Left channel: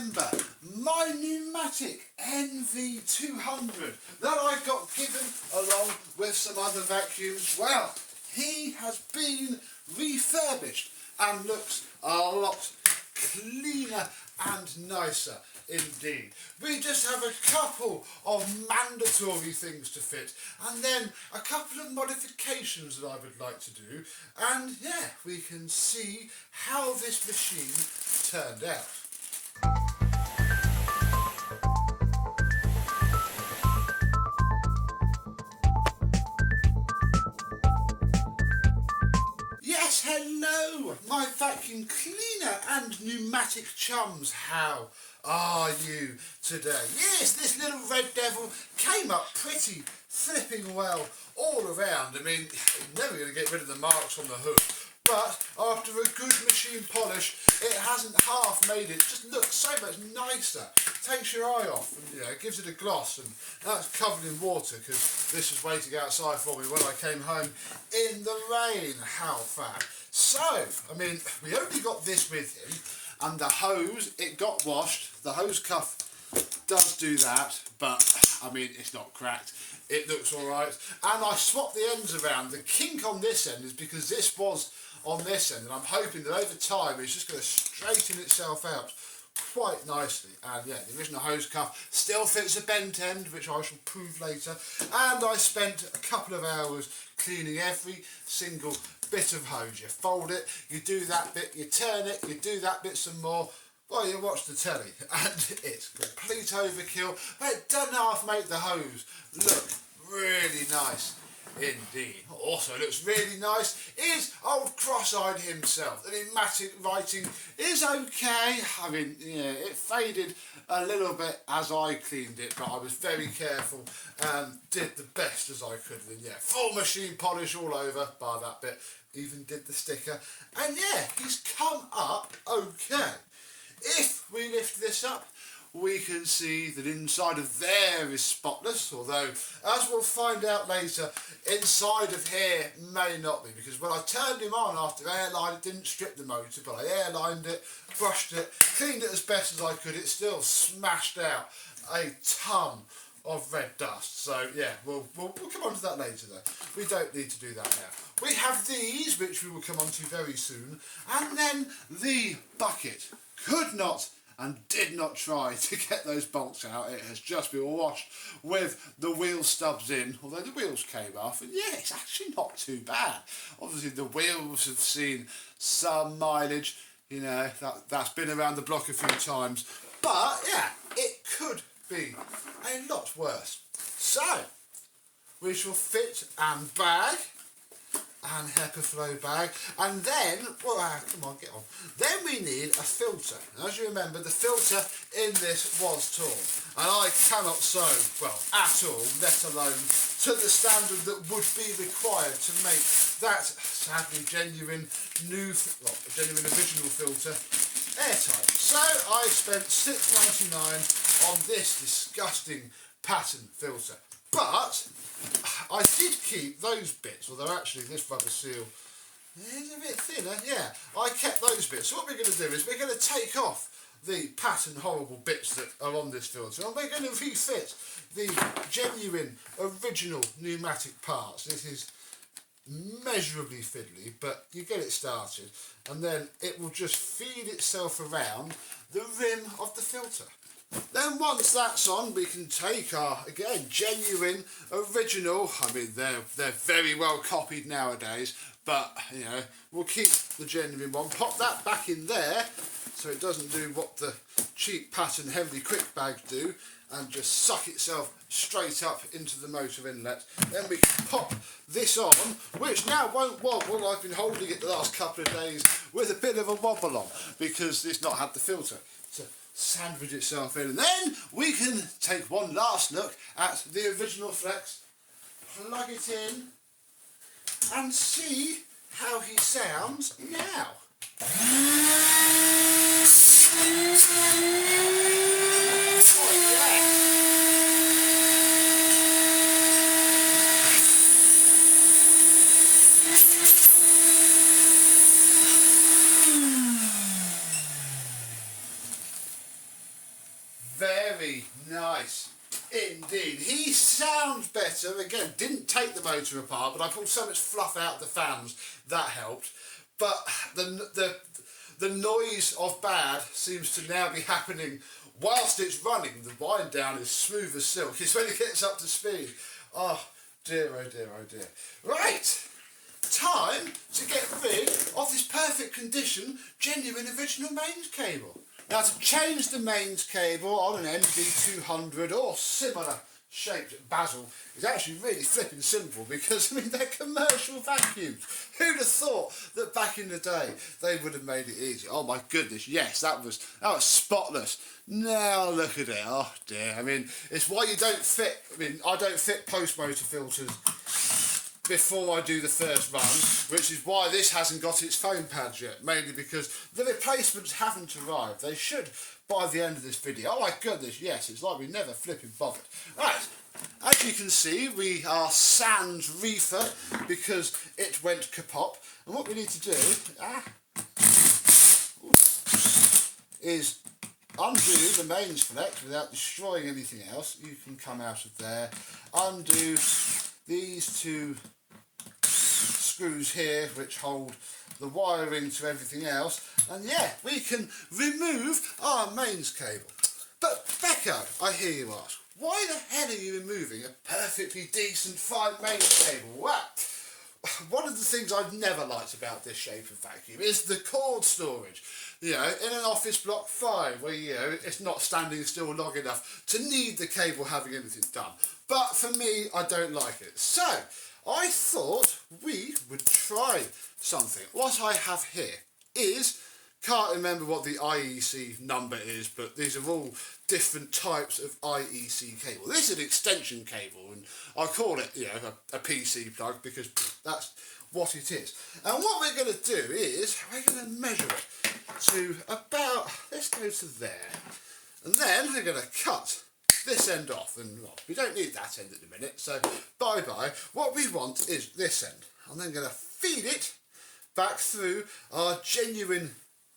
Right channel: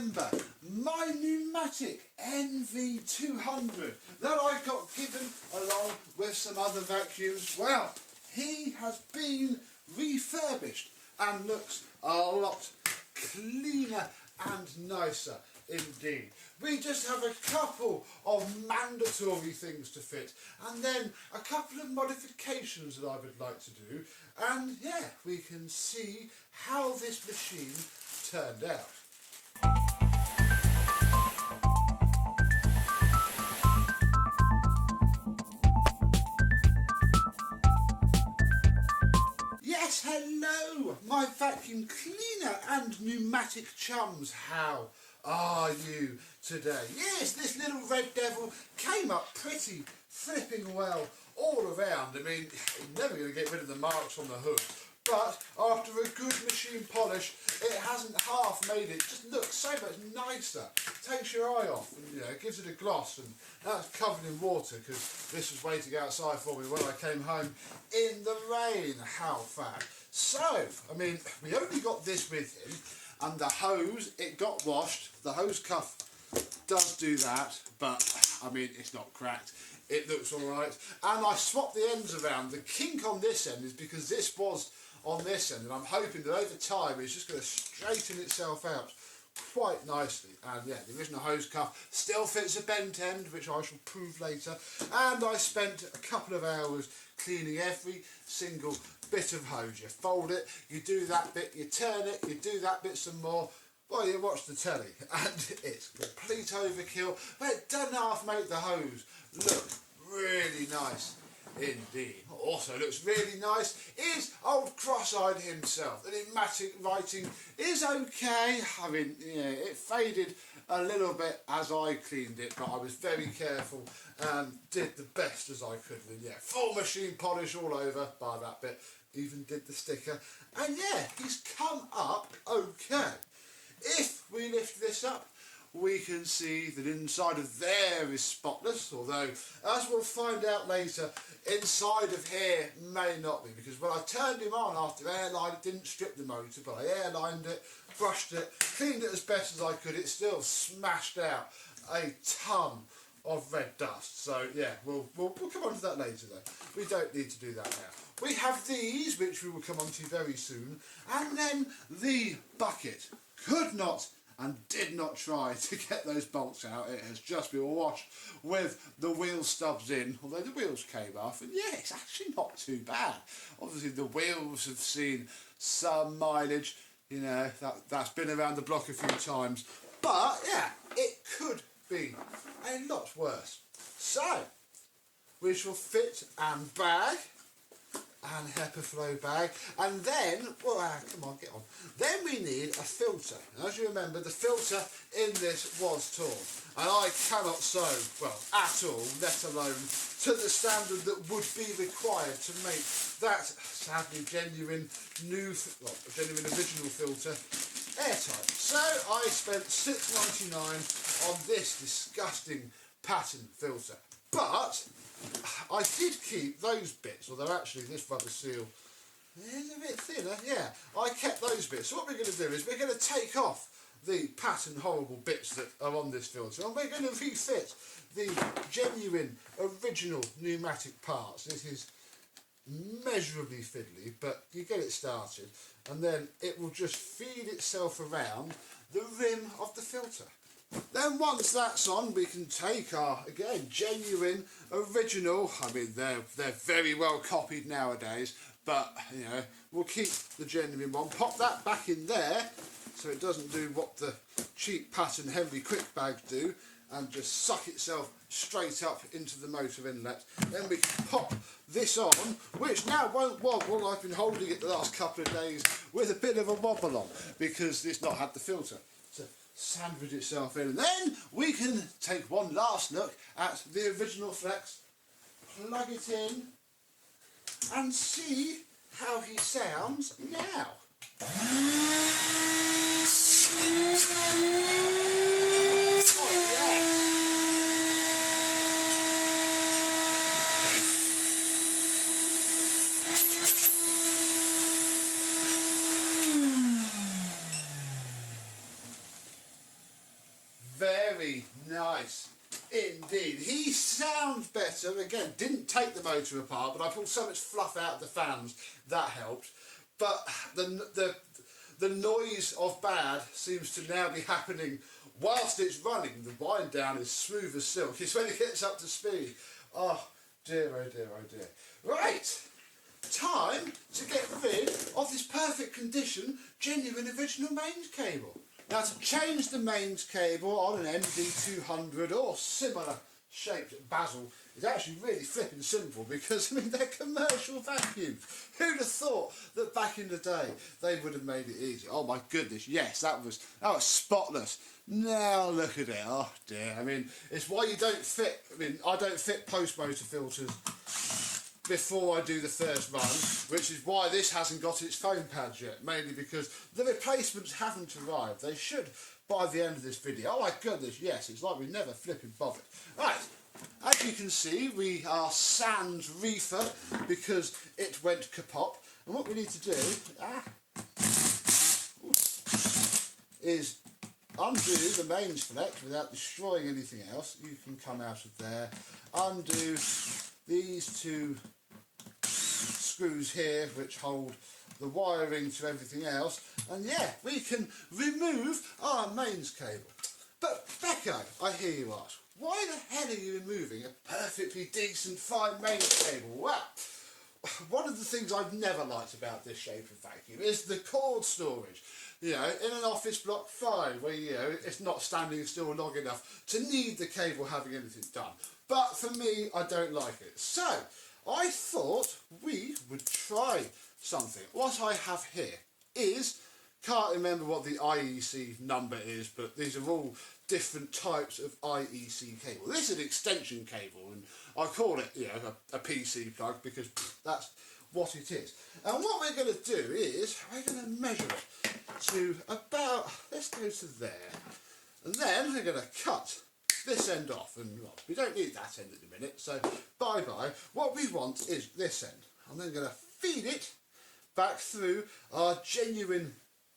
remember my Numatic NV200 that I got given along with some other vacuums? Well, he has been refurbished and looks a lot cleaner and nicer indeed. We just have a couple of mandatory things to fit and then a couple of modifications that I would like to do, and yeah, we can see how this machine turned out. Yes, hello, my vacuum cleaner and pneumatic chums. How are you today? Yes, this little red devil came up pretty flipping well all around. I mean, you're never going to get rid of the marks on the hood, but after a good machine polish, it hasn't half made it just look so much nicer. Takes your eye off and, you know, gives it a gloss, and now it's covered in water because this was waiting outside for me when I came home in the rain. How fab. So, I mean, we only got this with him, and the hose, it got washed. The hose cuff does do that, but I mean, it's not cracked. It looks alright, and I swapped the ends around. The kink on this end is because this was on this end, and I'm hoping that over time it's just going to straighten itself out quite nicely. And yeah, the original hose cuff still fits a bent end, which I shall prove later, and I spent a couple of hours cleaning every single bit of hose. You fold it, you do that bit, you turn it, you do that bit some more. Well, you watch the telly, and it's complete overkill, but it doesn't half make the hose look really nice indeed. Also looks really nice is old Cross-Eyed himself. The pneumatic writing is okay. I mean, you know, it faded a little bit as I cleaned it, but I was very careful and did the best as I could. And yeah, full machine polish all over, bar that bit. Even did the sticker, and yeah, he's come up okay. If we lift this up, we can see that inside of there is spotless, although, as we'll find out later, inside of here may not be, because when I turned him on after airline, it didn't strip the motor, but I airlined it, brushed it, cleaned it as best as I could. It still smashed out a ton of red dust. So yeah, we'll come on to that later though. We don't need to do that now. We have these, which we will come on to very soon, and then the bucket could not and did not try to get those bolts out. It has just been washed with the wheel stubs in, although the wheels came off, and yeah, it's actually not too bad. Obviously the wheels have seen some mileage, you know, that's been around the block a few times, but yeah, it could be a lot worse. So we shall fit and bag and HEPA flow bag, and then, well, come on, get on. Then we need a filter. And as you remember, the filter in this was torn, and I cannot sew, well, at all, let alone to the standard that would be required to make that sadly genuine genuine original filter airtight. So I spent £6.99 on this disgusting pattern filter, but I did keep those bits, although actually this rubber seal is a bit thinner. Yeah, I kept those bits. So what we're going to do is we're going to take off the pattern horrible bits that are on this filter, and we're going to refit the genuine original pneumatic parts. This is measurably fiddly, but you get it started, and then it will just feed itself around the rim of the filter. Then once that's on, we can take our, again, genuine, original, I mean, they're very well copied nowadays, but, you know, we'll keep the genuine one, pop that back in there, so it doesn't do what the cheap pattern heavily quick bags do, and just suck itself straight up into the motor inlet. Then we can pop this on, which now won't wobble. I've been holding it the last couple of days with a bit of a wobble on, because it's not had the filter to sandwich itself in. And then we can take one last look at the original Flex, plug it in, and see how he sounds now. Very nice indeed. He sounds better. Again, didn't take the motor apart, but I pulled so much fluff out of the fans, that helped. But the noise of bad seems to now be happening whilst it's running. The wind down is smooth as silk. It's when it gets up to speed. Oh dear, oh dear, oh dear. Right, time to get rid of this perfect condition, genuine original mains cable. Now, to change the mains cable on an NV200 or similar shaped basil is actually really flipping simple, because I mean they're commercial vacuums. Who'd have thought that back in the day they would have made it easy? Oh my goodness, yes, that was spotless. Now look at it. Oh dear. I mean, it's why you don't fit. I mean, I don't fit post motor filters before I do the first run, which is why this hasn't got its foam pads yet, mainly because the replacements haven't arrived. They should by the end of this video. Oh my goodness, yes, it's like we never flipping bothered. Right, as you can see, we are sans reefer because it went kapop, and what we need to do is undo the mains flex without destroying anything else. You can come out of there, undo these two screws here which hold the wiring to everything else, and yeah, we can remove our mains cable. But Becca, I hear you ask, why the hell are you removing a perfectly decent fine mains cable? Well, one of the things I've never liked about this shape of vacuum is the cord storage. You know, in an office block, fine, where, you know, it's not standing still long enough to need the cable having anything done. But for me, I don't like it. So, I thought we would try something. What I have here is, can't remember what the IEC number is, but these are all different types of IEC cable. This is an extension cable, and I call it, you know, a PC plug because that's what it is. And what we're going to do is, we're going to measure it to about, let's go to there, and then we're going to cut this end off, and well, we don't need that end at the minute, so bye-bye. What we want is this end. I'm then going to feed it back through our genuine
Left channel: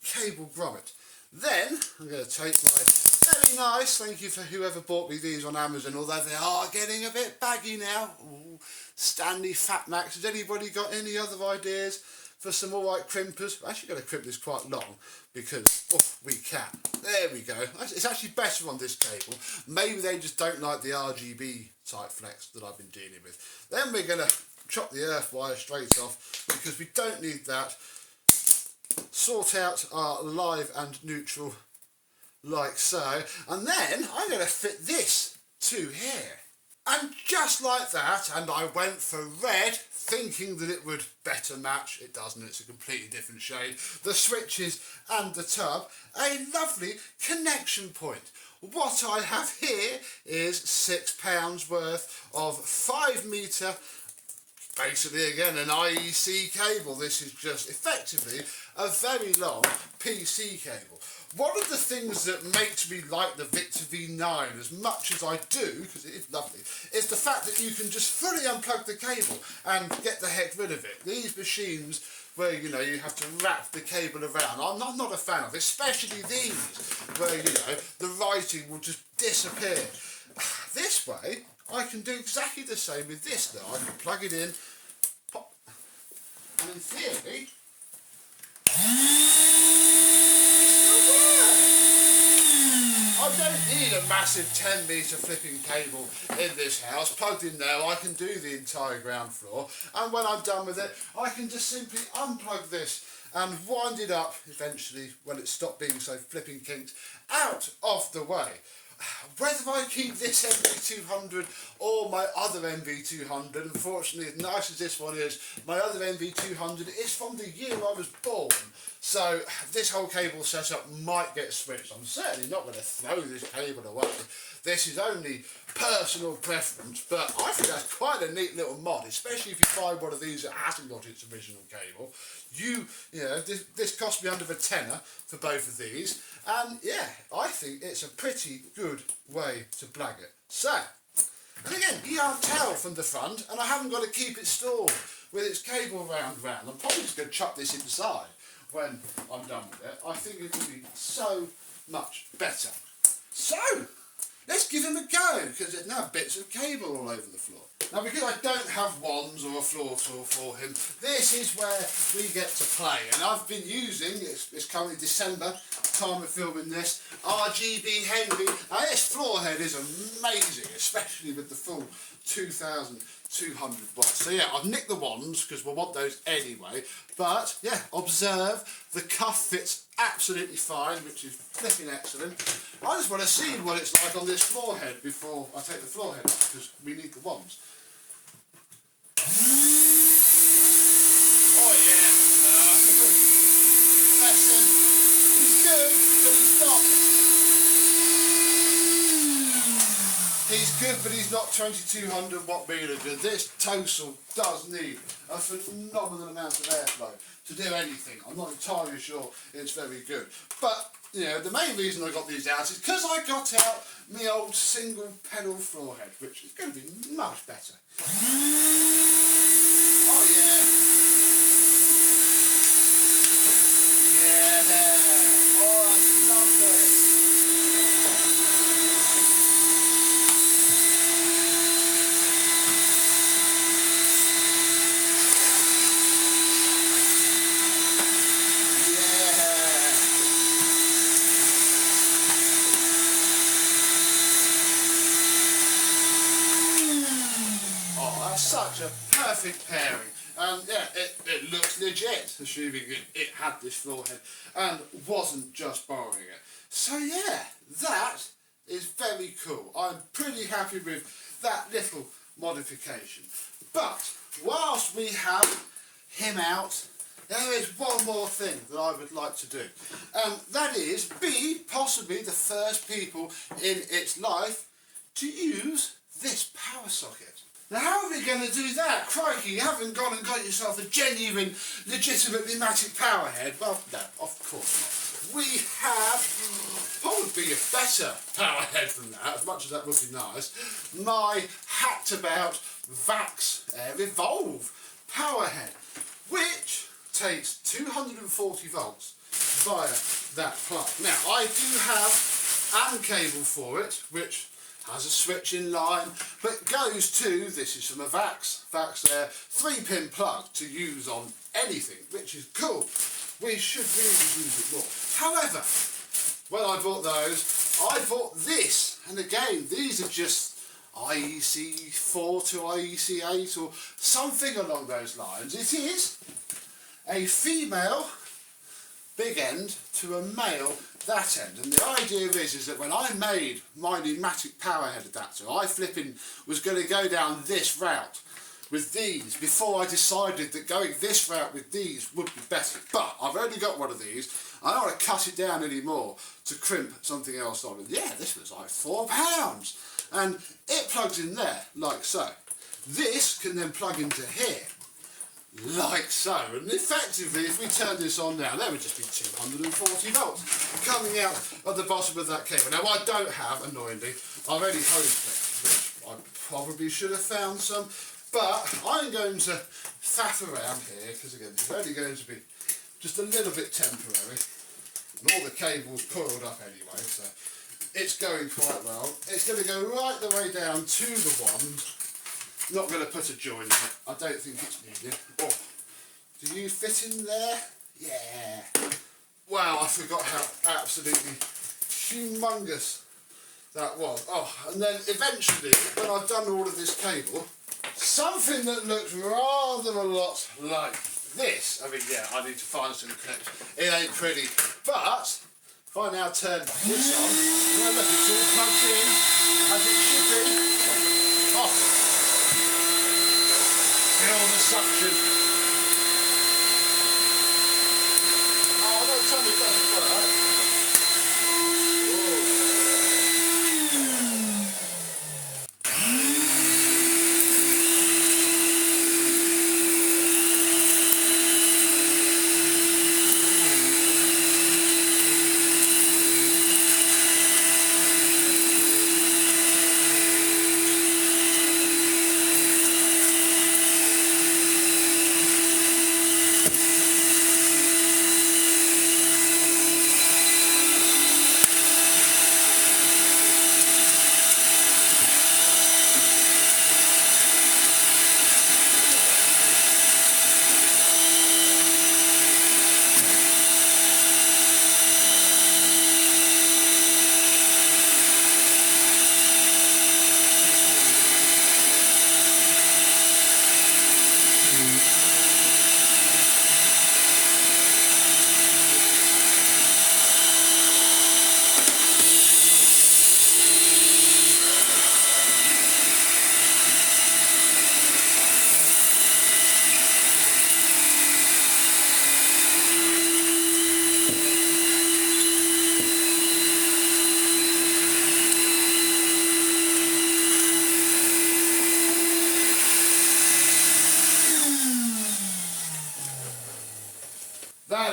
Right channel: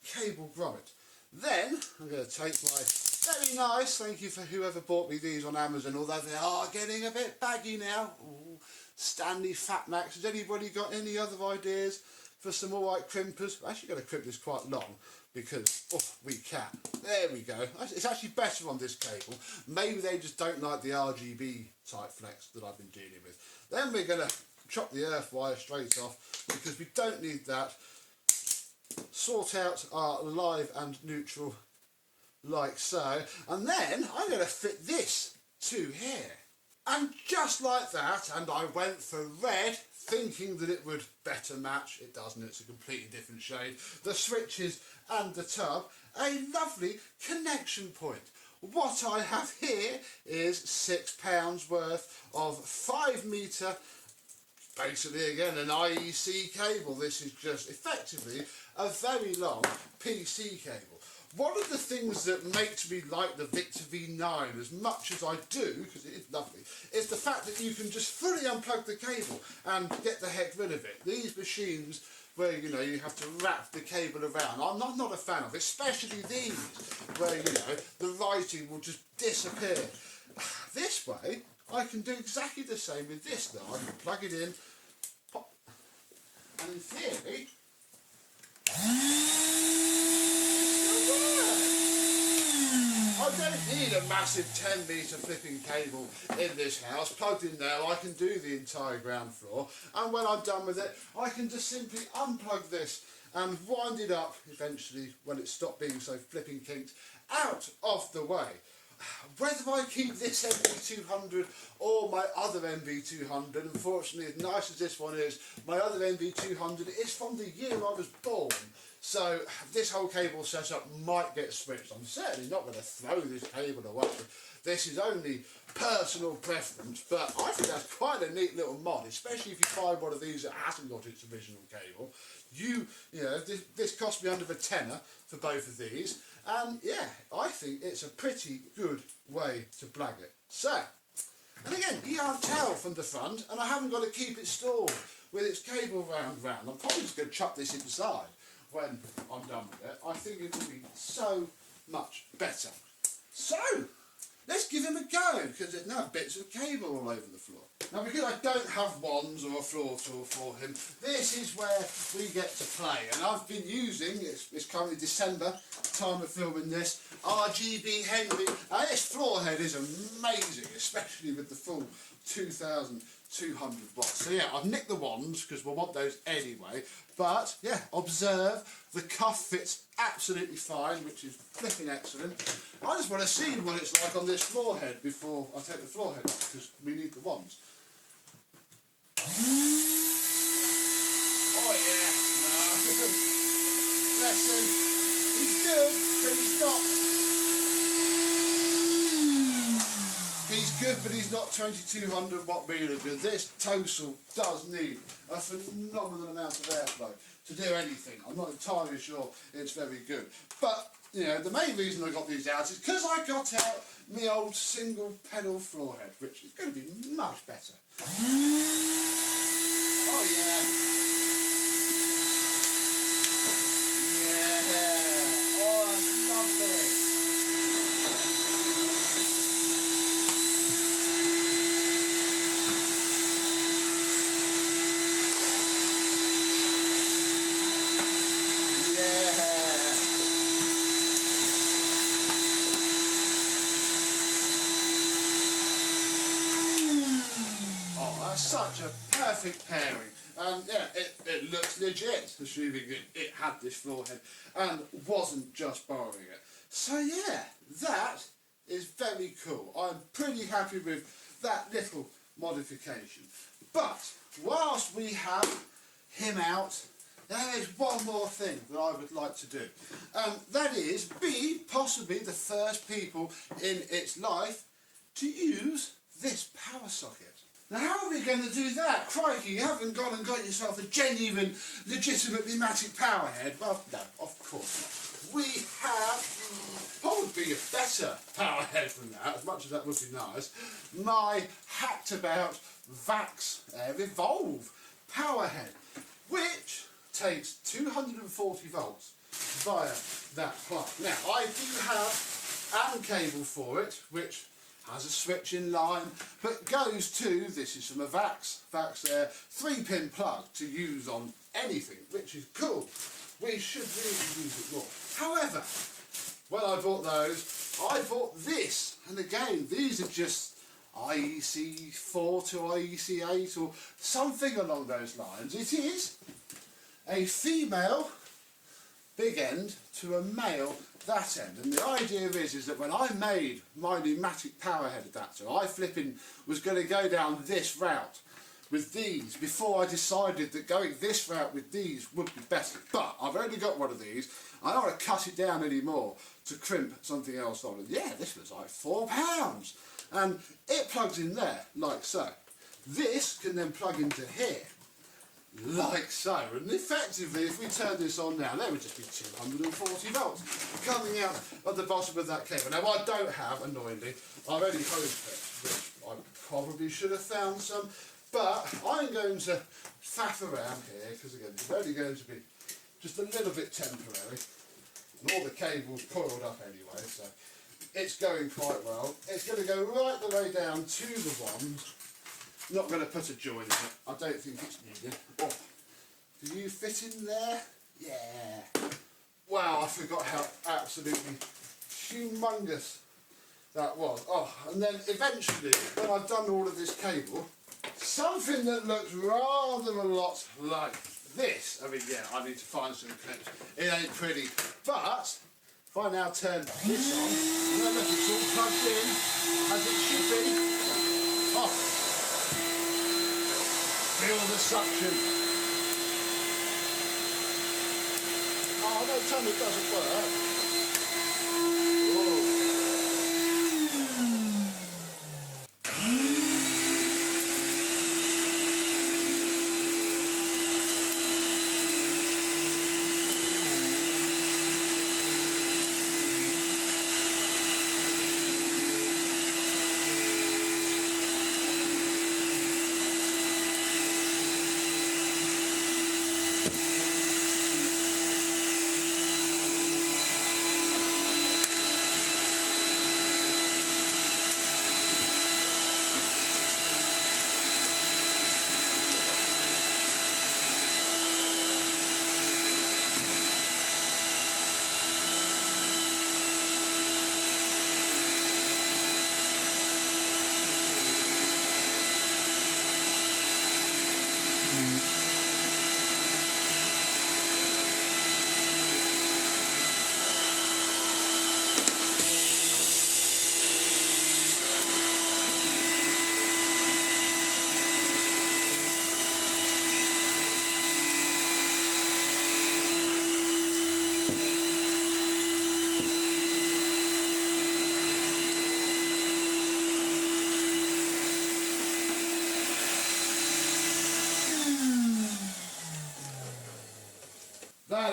cable grommet. Then I'm going to take my very nice, thank you for whoever bought me these on Amazon, although they are getting a bit baggy now. Ooh, Stanley Fat Max. Has anybody got any other ideas for some alright crimpers? I'm actually going to crimp this quite long because we can. There we go. It's actually better on this cable. Maybe they just don't like the RGB type flex that I've been dealing with. Then we're going to chop the earth wire straight off because we don't need that. Sort out our live and neutral like so, and then I'm going to fit this to here. And just like that, and I went for red thinking that it would better match. It doesn't, it's a completely different shade. The switches and the tub, a lovely connection point. What I have here is £6 worth of 5 metre, basically again an IEC cable. This is just effectively a very long PC cable. One of the things that makes me like the Victor V9 as much as I do, because it is lovely, is the fact that you can just fully unplug the cable and get the heck rid of it. These machines where, you know, you have to wrap the cable around, I'm not a fan of, especially these, where, you know, the writing will just disappear. This way, I can do exactly the same with this now. I can plug it in, pop, and in theory, I don't need a massive 10 metre flipping cable in this house. Plugged in there, I can do the entire ground floor, and when I'm done with it, I can just simply unplug this and wind it up eventually when it stopped being so flipping kinked out of the way. Whether I keep this NV200 or my other NV200, unfortunately, as nice as this one is, my other NV200 is from the year I was born. So this whole cable setup might get switched. I'm certainly not going to throw this cable away. This is only personal preference, but I think that's quite a neat little mod, especially if you find one of these that hasn't got its original cable. You know, this cost me under a tenner for both of these, and yeah, I think it's a pretty good way to plug it. So, and again, you can't tell from the front, and I haven't got to keep it stored with its cable round. I'm probably just going to chuck this inside when I'm done with it. I think it will be so much better. So, let's give him a go, because there's now bits of cable all over the floor. Now, because I don't have wands or a floor tool for him, this is where we get to play. And I've been using, it's currently December, time of filming this, RGB Henry. Now, this floor head is amazing, especially with the full 2,200 watts. So yeah, I've nicked the wands, because we'll want those anyway. But yeah, observe, the cuff fits absolutely fine, which is flipping excellent. I just want to see what it's like on this floor head before I take the floor head off, because we need the wands. Oh yeah, no. Bless him. He's good, but he's not. He's good, but he's not 2200 watt meter good. This Total does need a phenomenal amount of airflow to do anything. I'm not entirely sure it's very good. But, you know, the main reason I got these out is because I got out my old single pedal floor head, which is going to be much better. Oh yeah. Yeah. Oh, I love this. Such a perfect pairing, and yeah, it looks legit, assuming it had this floor head and wasn't just borrowing it. So yeah, that is very cool. I'm pretty happy with that little modification. But whilst we have him out, there is one more thing that I would like to do, and that is be possibly the first people in its life to use this power socket. Now, how are we going to do that? Crikey, you haven't gone and got yourself a genuine, legitimate Numatic power head. Well, no, of course not. We have probably a better power head than that, as much as that would be nice. My hacked about Vax Revolve power head, which takes 240 volts via that plug. Now, I do have an cable for it, which has a switch in line, but goes to, this is from a Vax 3-pin plug to use on anything, which is cool. We should really use it more. However, when I bought those, I bought this, and again, these are just IEC 4 to IEC 8 or something along those lines. It is a female big end to a male that end, and the idea is that when I made my Numatic power head adapter, I flipping was going to go down this route with these before I decided that going this route with these would be better. But I've only got one of these. I don't want to cut it down anymore to crimp something else on. And yeah, this was like £4, and it plugs in there like so. This can then plug into here like so, and effectively if we turn this on now, there would just be 240 volts coming out of the bottom of that cable. Now I don't have, annoyingly, I've only hose clips, which I probably should have found some, but I'm going to faff around here because again it's only going to be just a little bit temporary, and all the cables coiled up anyway, so it's going quite well. It's going to go right the way down to the wand. Not going to put a joint in it. I don't think it's needed. Oh, do you fit in there? Yeah. Wow, I forgot how absolutely humongous that was. Oh, and then eventually, when I've done all of this cable, something that looks rather a lot like this. I mean, yeah, I need to find some clips. It ain't pretty. But if I now turn this on, remember it's all plugged in as it should be. Oh. Feel the suction. Oh, don't tell me it doesn't work.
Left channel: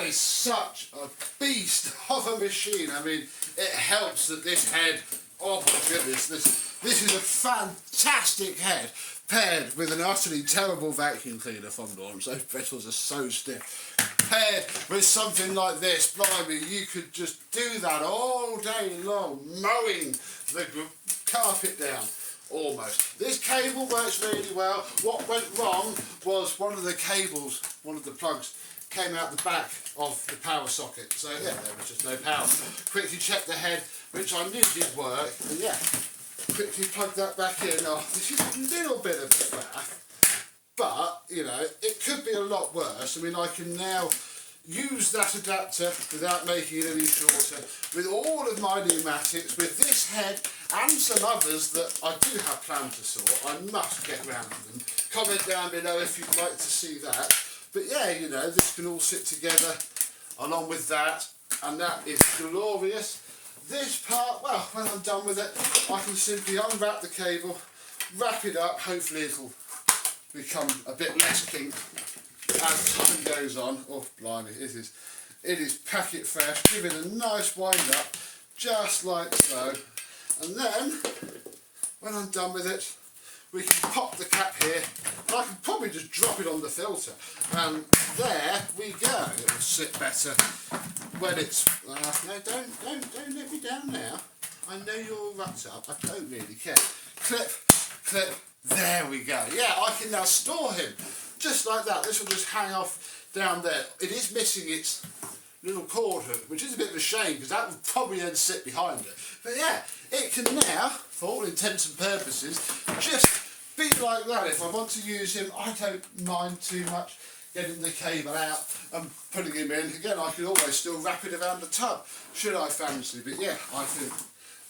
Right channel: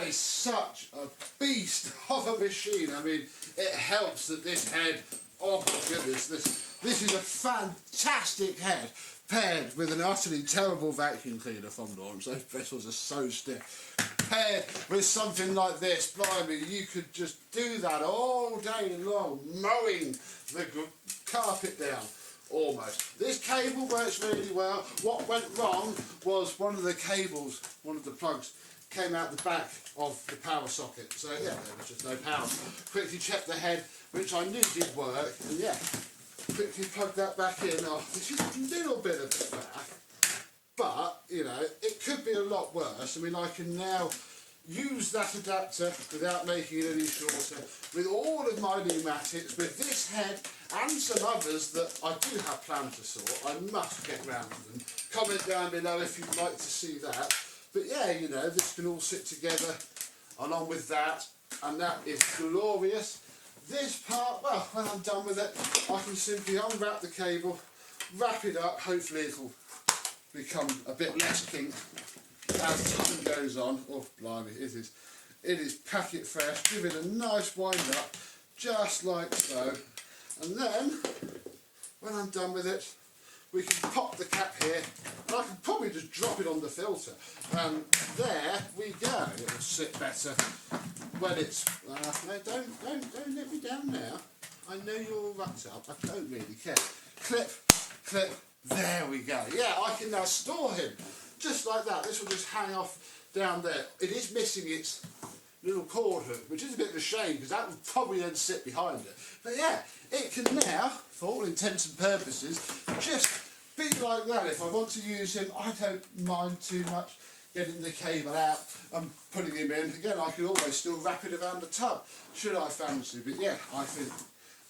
That is such a beast of a machine. I mean, it helps that this head, oh my goodness, this is a fantastic head paired with an utterly terrible vacuum cleaner fondle arms. Those bristles are so stiff. Paired with something like this, blimey, you could just do that all day long, mowing the carpet down. Almost. This cable works really well. What went wrong was one of the cables, one of the plugs, came out the back of the power socket. So yeah, there was just no power. Quickly checked the head, which I knew did work, and yeah, quickly plugged that back in. Oh, this is a little bit of a faff, but you know, it could be a lot worse. I mean, I can now use that adapter without making it any shorter with all of my pneumatics, with this head and some others that I do have planned to sort. I must get round to them. Comment down below if you'd like to see that. But yeah, you know, this can all sit together along with that, and that is glorious. This part, well, when I'm done with it, I can simply unwrap the cable, wrap it up. Hopefully it'll become a bit less kink as time goes on. Oh blimey, it is packet fresh. Give it a nice wind up, just like so. And then, when I'm done with it, we can pop the cap here, and I can probably just drop it on the filter. And there we go. It will sit better when it's... no, don't let me down now. I know you're all wrapped up. I don't really care. Clip, clip. There we go. Yeah, I can now store him just like that. This will just hang off down there. It is missing its little cord hook, which is a bit of a shame because that would probably then sit behind it. But yeah, it can now, for all intents and purposes, just be like that. If I want to use him, I don't mind too much getting the cable out and putting him in. Again, I can always still wrap it around the tub, should I fancy. But yeah, I think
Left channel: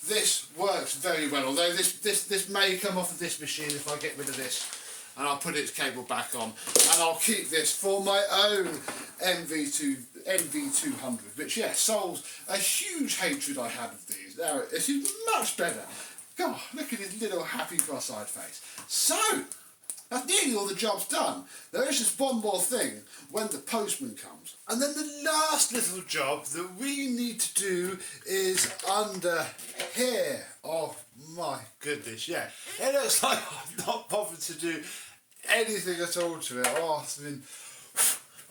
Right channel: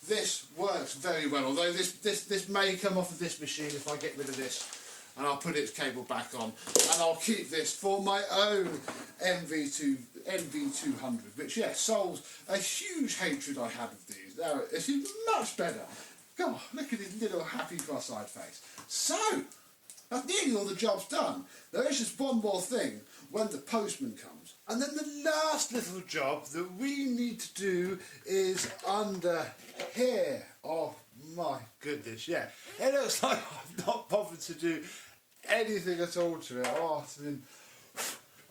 this works very well. Although this may come off of this machine if I get rid of this, and I'll put its cable back on, and I'll keep this for my own NV200, which yeah, solves a huge hatred I had of these. Now it's much better. God, look at his little happy cross-eyed face. So, that's nearly all the job's done. There is just one more thing when the postman comes. And then the last little job that we need to do is under here. Oh my goodness, yeah. It looks like I've not bothered to do anything at all to it. Oh, I mean,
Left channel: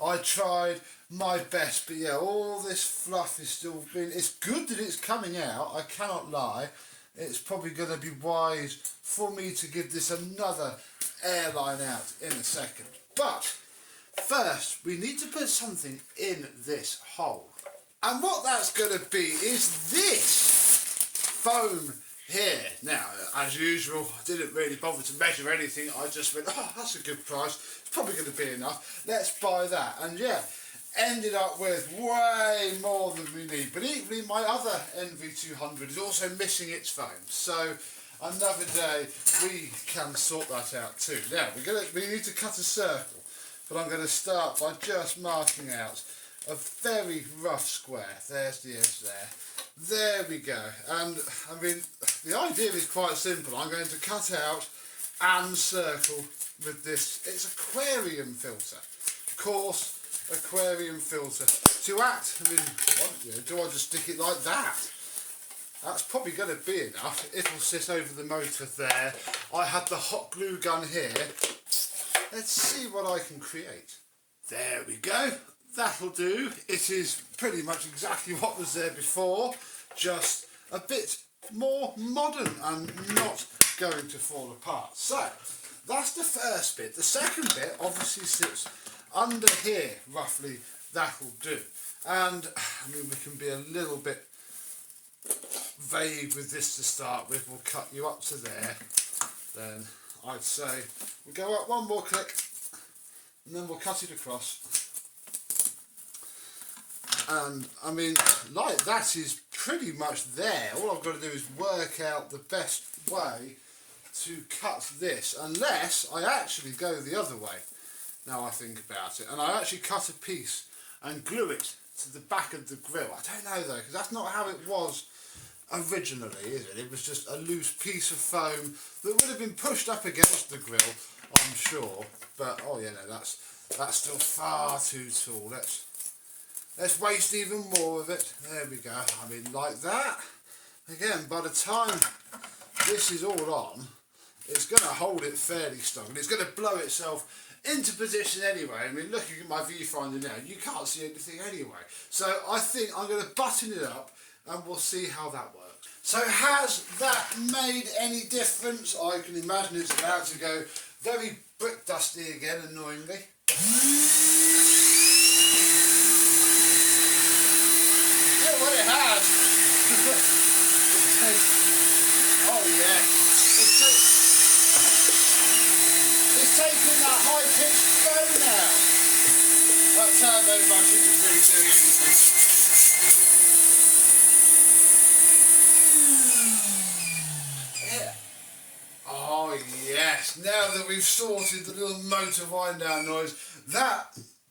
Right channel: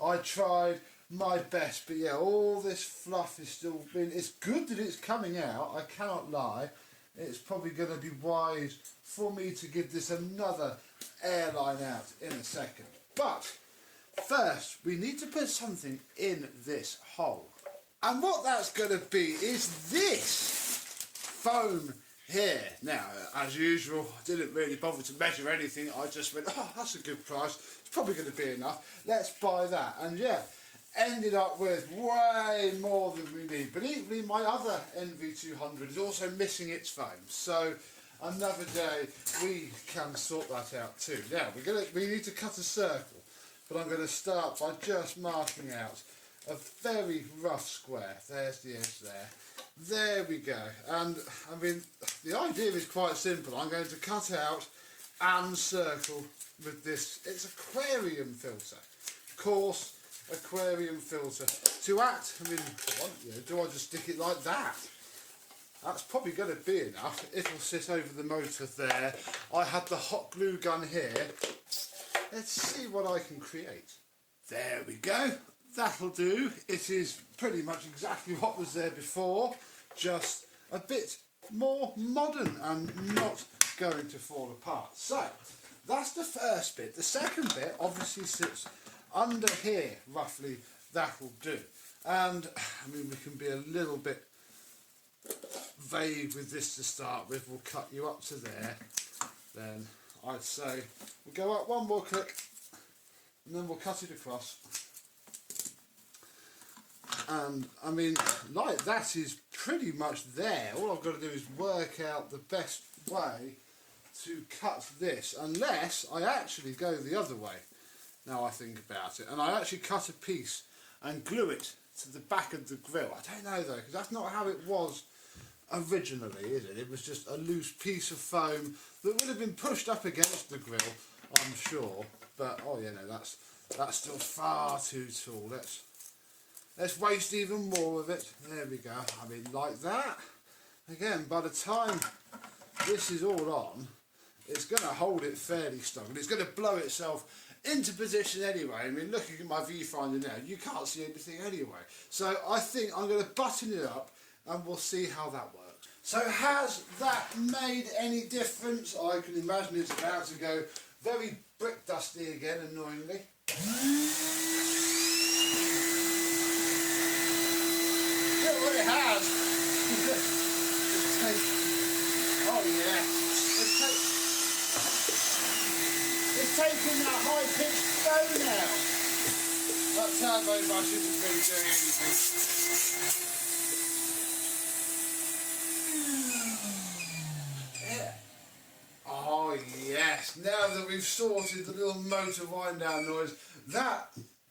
I tried my best, but yeah, all this fluff is still being... It's good that it's coming out, I cannot lie. It's probably going to be wise for me to give this another airline out in a second. But first, we need to put something in this hole. And what that's going to be is this foam here. Now, as usual, I didn't really bother to measure anything. I just went, oh, that's a good price. It's probably going to be enough. Let's buy that. And yeah, ended up with way more than we need. But equally, my other NV200 is also missing its foam. So another day we can sort that out too. Now we need to cut a circle, but I'm going to start by just marking out a very rough square. There's the edge there. There we go. And I mean, the idea is quite simple. I'm going to cut out and circle with this. It's aquarium filter, coarse aquarium filter. To act, I mean, do I just stick it like that? That's probably going to be enough. It'll sit over the motor there. I had the hot glue gun here. Let's see what I can create. There we go. That'll do. It is pretty much exactly what was there before, just a bit more modern and not going to fall apart. So, that's the first bit. The second bit obviously sits under here, roughly. That'll do. And, I mean, we can be a little bit vague with this to start with. We'll cut you up to there. Then, I'd say, we'll go up one more click, and then we'll cut it across. And, I mean, like that is pretty much there. All I've got to do is work out the best way to cut this, unless I actually go the other way. Now I think about it, and I actually cut a piece and glue it to the back of the grill. I don't know though, because that's not how it was originally, is it? It was just a loose piece of foam that would have been pushed up against the grill, I'm sure. But oh yeah, no, that's still far too tall. let's waste even more of it. There we go. I mean, like that. Again, by the time this is all on, it's going to hold it fairly strong. It's going to blow itself into position anyway. I mean, looking at my viewfinder now, you can't see anything anyway. So I think I'm going to button it up and we'll see how that works. So has that made any difference? I can imagine it's about to go very brick dusty again, annoyingly. Yeah, well, it has. Oh yeah. It's taking that high-pitched flow now. That turbo brush isn't really doing anything. Oh yes, now that we've sorted the little motor wind down noise,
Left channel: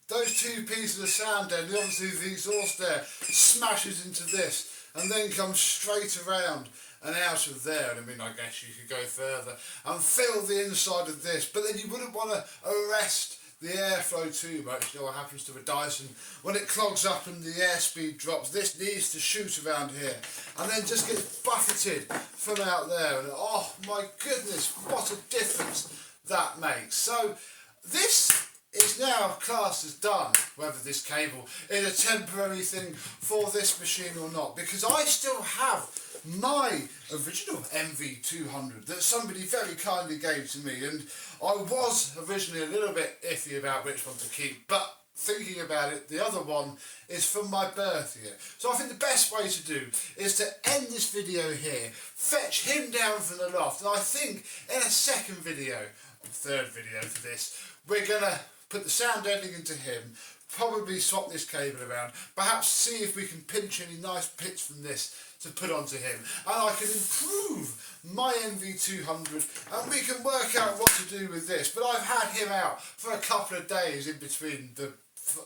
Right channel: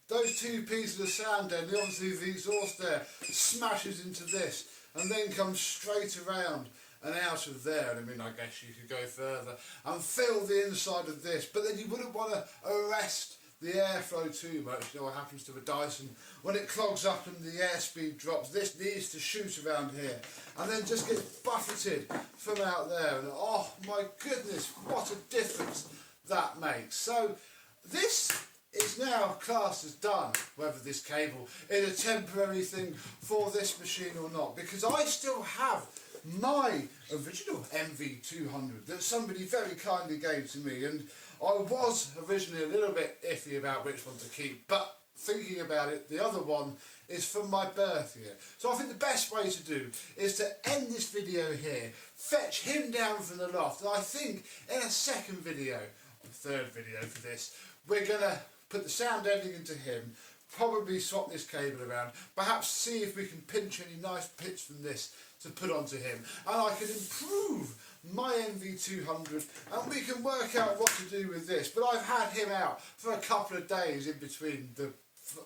those two pieces of sound then, obviously the exhaust there, smashes into this and then comes straight around and out of there. And I mean, I guess you could go further and fill the inside of this, but then you wouldn't want to arrest the airflow too much. You know what happens to a Dyson when it clogs up and the airspeed drops. This needs to shoot around here and then just gets buffeted from out there, and oh my goodness, what a difference that makes. So this is now classed as done, whether this cable is a temporary thing for this machine or not, because I still have my original NV200 that somebody very kindly gave to me, and I was originally a little bit iffy about which one to keep, but thinking about it, the other one is from my birth year. So I think the best way to do is to end this video here, fetch him down from the loft, and I think in a second video, third video for this, we're going to put the sound ending into him, probably swap this cable around, perhaps see if we can pinch any nice bits from this to put onto him, and I can improve my NV200 and we can work out what to do with this. But I've had him out for a couple of days in between the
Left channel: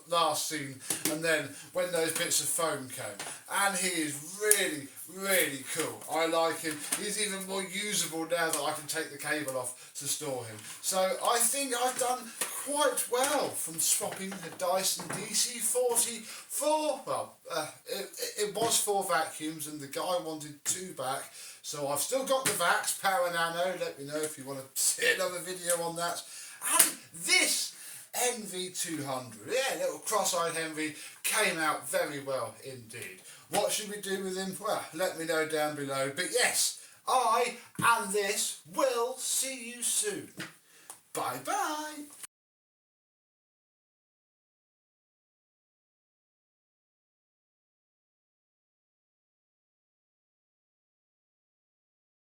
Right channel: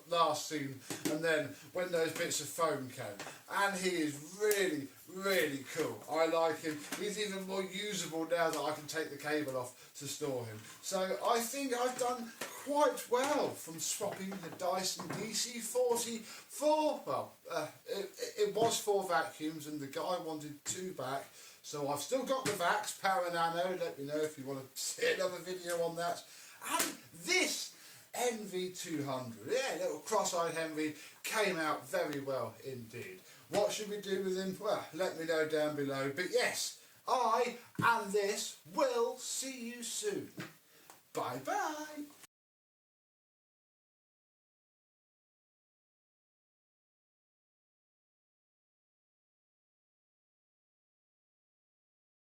last scene and then when those bits of foam came, and he is really, really cool. I like him. He's even more usable now that I can take the cable off to store him. So I think I've done quite well from swapping the Dyson DC40 for, well, it was 4 vacuums and the guy wanted 2 back. So I've still got the Vax Power Nano. Let me know if you want to see another video on that. And this NV200, yeah, little cross-eyed Henry, came out very well indeed. What should we do with him? Well, let me know down below. But yes, I and this will see you soon. Bye bye.